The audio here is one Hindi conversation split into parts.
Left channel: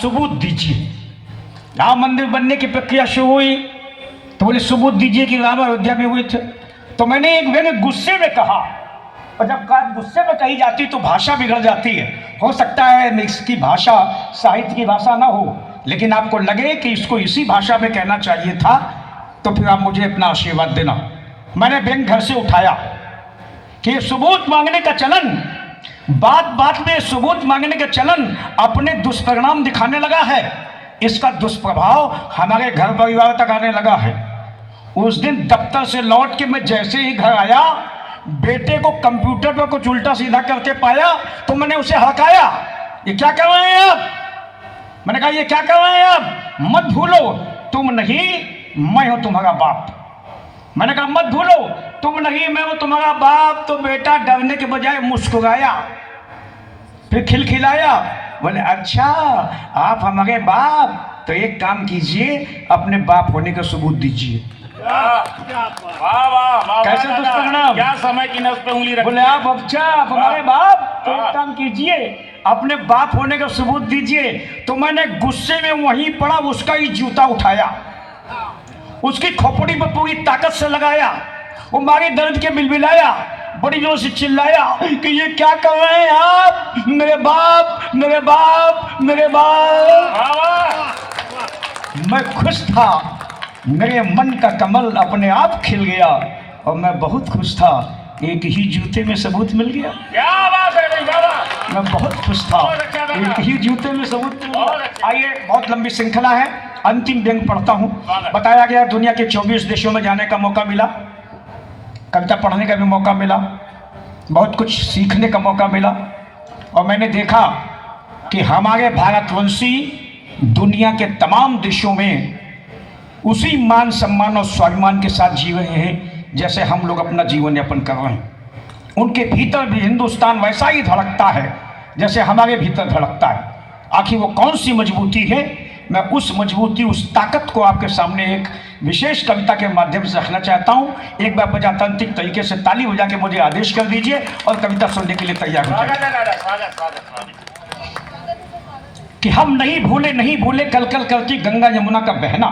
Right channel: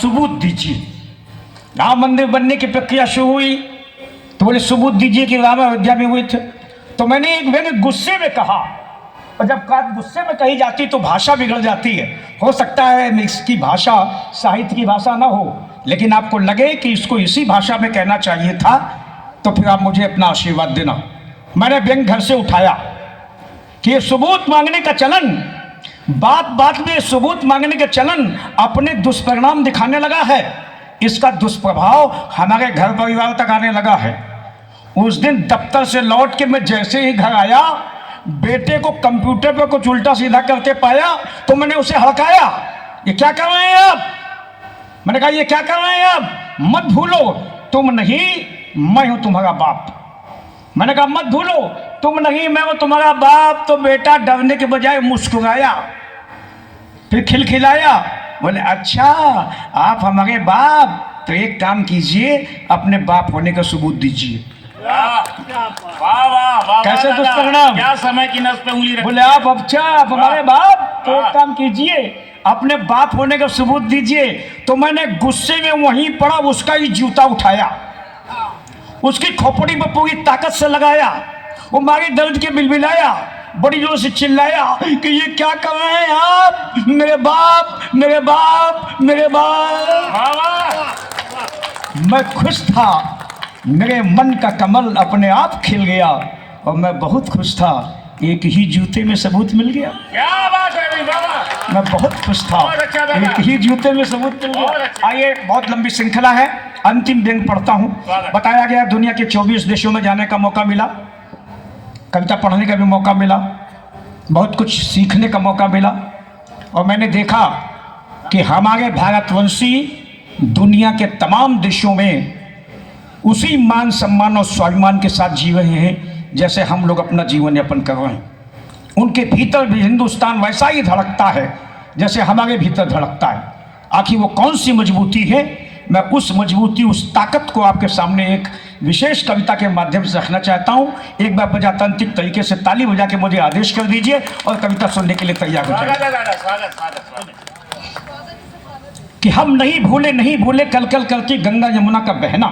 सबूत दीजिए। राम मंदिर बनने की प्रक्रिया शुरू हुई तो बोले सबूत दीजिए कि राम अयोध्या में हुए थे। तो मैंने गुस्से में कहा, और जब बात गुस्से में कही जाती तो भाषा बिगड़ जाती है। हो सकता है इसकी भाषा साहित्य की भाषा ना हो, लेकिन आपको लगे कि इसको इसी भाषा में कहना चाहिए था, तो फिर आप मुझे अपना आशीर्वाद देना। मैंने बैंक घर से उठाया कि ये सबूत मांगने का चलन, बात बात में सबूत मांगने का चलन अपने दुष्परिणाम दिखाने लगा है। इसका दुष्प्रभाव हमारे घर परिवार तक आने लगा है। उस दिन दफ्तर से लौट के मैं जैसे ही घर आया, बेटे को कंप्यूटर पर कुछ उल्टा सीधा करते पाया तो मैंने उसे हड़काया, ये क्या कर रहे हैं आप? मैंने कहा ये क्या कर रहे हैं आप? मत भूलो तुम नहीं मैं हूं तुम्हारा बाप। मैंने कहा मत भूलो तुम नहीं मैं हूं तुम्हारा बाप। तो बेटा डरने के बजाय मुस्कुराया, फिर खिलखिलाया, बोले अच्छा आप हमारे बाप, तो एक काम कीजिए अपने बाप होने का सबूत दीजिए। कैसे दुष्परिणाम, क्या समय की नस पे उंगली रखी? बोले आप अच्छा आप हमारे बाप, तो एक काम कीजिए अपने बाप होने का सबूत दीजिए। तो मैंने गुस्से में वहीं पड़ा उसका ही जूता उठाया, उसकी खोपड़ी पर पूरी ताकत से लगाया, वो मारे दर्द के बिलबिलाया, बड़ी जोर से चिल्लाया कि ये क्या कर रहे हैं आप? मेरे बाप मेरे बाप मेरे बाप। मैं खुश था, मेरे मन का कमल अपने आप खिल गया और मैं बहुत खुश था। एक ही जूते में सबूत मिल गया। क्या बात है भाई बाबा, मैं बहुत खुश था, एक ही जूते में सबूत मिल गया। आइए, बहुत लंबी श्रृंखला है, अंतिम व्यंग पढ़ता हूँ। बताया गया दुनिया के 24 देशों में जाने का मौका मिला, कविता पढ़ने का भी मौका मिला, बहुत कुछ सीखने का मौका मिला, और मैंने देखा कि हमारे भारतवंशी दुनिया के तमाम देशों में उसी मान सम्मान और स्वाभिमान के साथ जी रहे हैं जैसे हम लोग अपना जीवन यापन कर रहे हैं। उनके भीतर भी हिंदुस्तान वैसा ही धड़कता है जैसे हमारे भीतर धड़कता है। आखिर वो कौन सी मजबूती है, मैं उस मजबूती उस ताकत को आपके सामने एक विशेष कविता के माध्यम से रखना चाहता हूँ। एक बार प्रजातांत्रिक तरीके से ताली बजा के मुझे आदेश कर दीजिए और कविता सुनने के लिए तैयार हो जाए। कि हम नहीं भूले कल कल करती गंगा यमुना का बहना।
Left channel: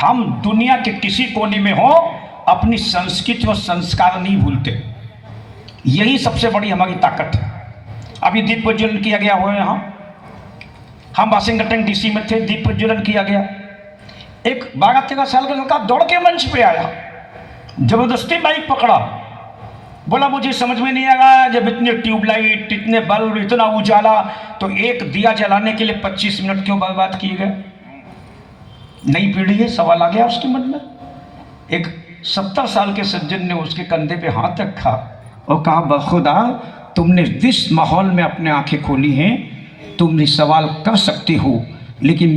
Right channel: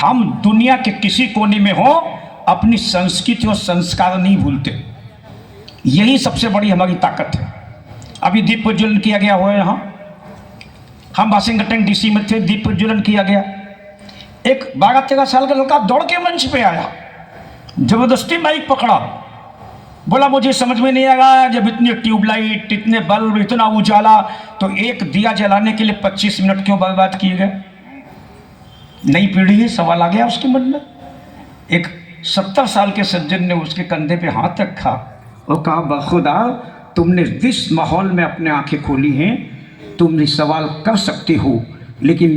हम दुनिया के किसी कोने में हो अपनी संस्कृति और संस्कार नहीं भूलते, यही सबसे बड़ी हमारी ताकत है। अभी दीप प्रज्वलन किया गया हुआ है यहाँ, हम वाशिंगटन डीसी में थे, दीप प्रज्वलन किया गया। एक 12-13 साल का लड़का दौड़ के मंच पे आया, जबरदस्ती माइक पकड़ा, बोला मुझे समझ में नहीं आ रहा जब इतने ट्यूबलाइट इतने बल्ब इतना उजाला तो एक दिया जलाने के लिए 25 मिनट क्यों बर्बाद किए गए? नई पीढ़ी है, सवाल आ गया उसके मन में। एक 70 साल के सज्जन ने उसके कंधे पे हाथ रखा और कहा बखुदा तुमने जिस माहौल में अपने आंखें खोली हैं तुम ये सवाल कर सकते हो, लेकिन